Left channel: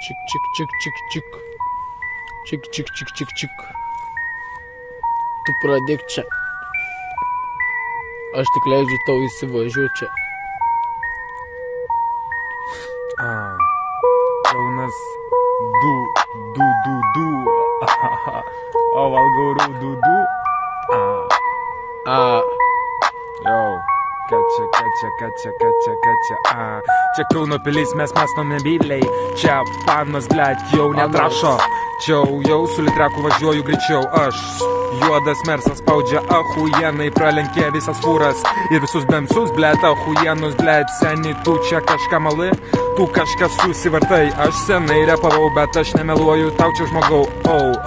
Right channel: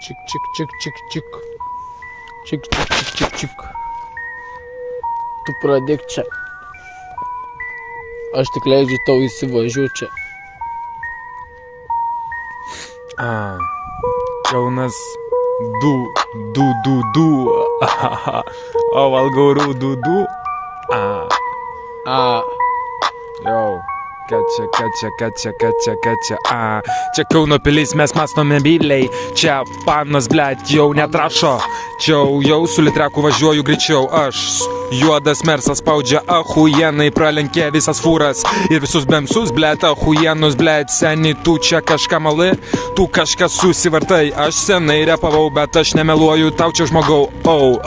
Čik, čik, čik, čik, čik. Čik, čik, čik, čik, čik. Tu pradėk čia. Aš tik leidžiu tau įsivažiuoti čia. Kaunas du. O valgau rūdų. Jau. Kačia. Čia Kauno pilis mes mąstome byliai. Čia panas, blet, jau netrašo. Čia jau su litreku važiuoju greičiau. Aš juodas mersas spaudžia ahujenai. Pralenkė visas fūras ir visus bemsus, blet, ahujenus, blet. Seni, tu čia kažką mali, tu kažką susivartai. Aš senai repavau, bet aš nemeluoju tau čia žmogau.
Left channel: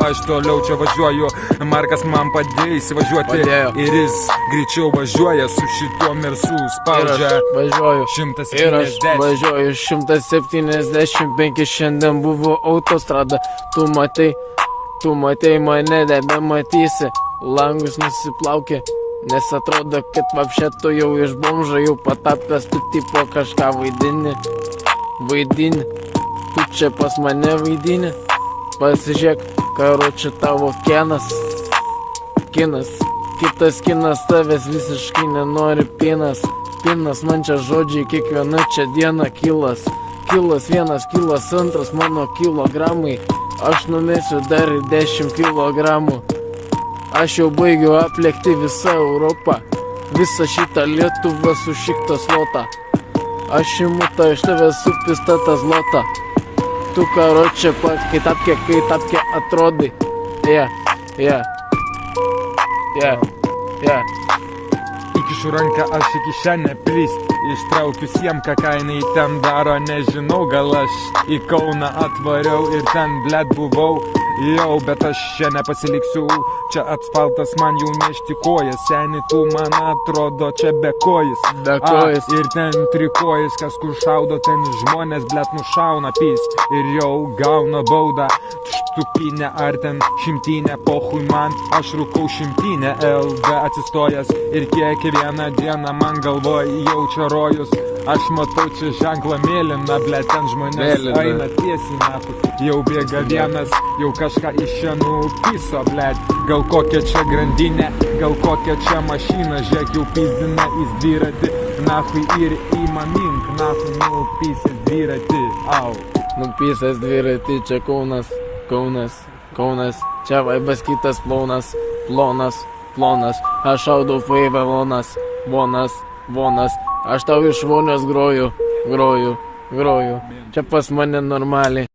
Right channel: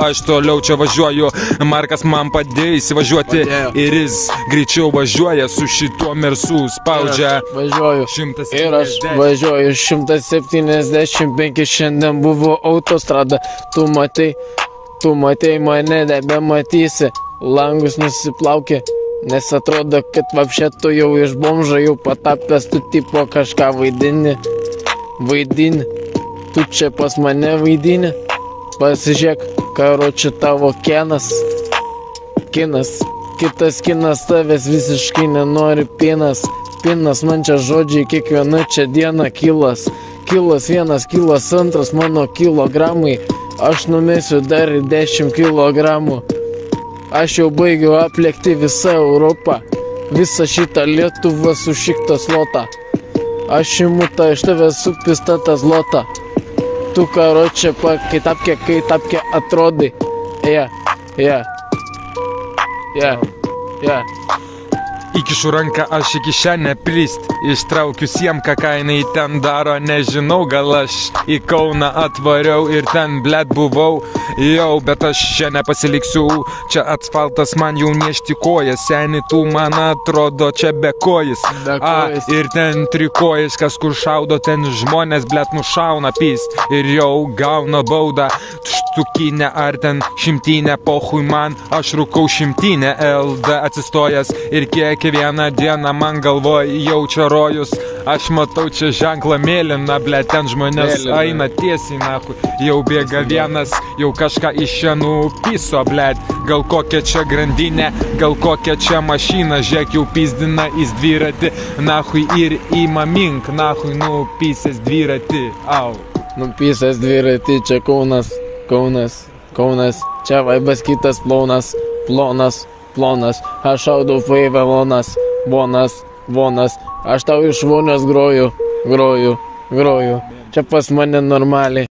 Aš toliau čia važiuoju. Markas man padėjo įsivažiuoti. Ir jis greičiau važiuoja su šituo mersu spaudžia. Važiuoju. 170. Ir aš važiuoju 175, šiandien buvo autostrada. Tu matei mane, nebematysi. Langus nusiplaukė, nes atrodo, kad vapšė tu jau iš bomžo jau patapęs, tu tipo kažką vaidini. Tu čia pas mane vaidini. Pasižiūrėk, karoči tavo kinas. Kitas kinas tavęs visiškai nenori pinas man čia žodžiai kiekviena čia diena kilas 1, kilas 2, mano kilogramai. Aš numesiu dar 10 kilogramų. Aš jau baigiu aplėkti visą Europą, visą šitą Lietuvą su šikto slotą. Aš imu tą iš tavęs su pistata zlota. Tu karočią kai tapkė atrodai. Įkišu ranką aš į kišenę prist. Ištraukiu siemką, ką jinai ten daro. Nežinau, gal aš į Kauną atvariau ir ten blet buvau. Jau, bet aš čia nepasiliksiu. Čia asfaltas man jau nešti kojas. Seni, tu man atrodo čia bekojas. Ir ten trikojas, kas kur šaudo. Ten žmonės blet nušauna pist. Ir jau gauna baudą. Štukinę ar ten šimtinę, pohui man. Aš rūkau šimtinę, LD atsistojęs. Ir kiekvieną dieną man galvoj jaučia rojus. Aš matau čia ženklą mėlyną, blet, ten žmonės eina tiesiai nahui. Jau bėga vienas, jau kažką iš čia nupiso, blet. Gal kokia čia grandinė, gal kokia čia mašina. Žiūrėk, jau pizdina į dviratį, nahui ir ima mink, nahui nupisęs dviratį. Nupisęs dviratį, čia Kaunas. Čia vaibas kitas plonas. Aš šaudau faivelonas, vonas. Aš tau iš vonios groju. Čia pas mane normaliai.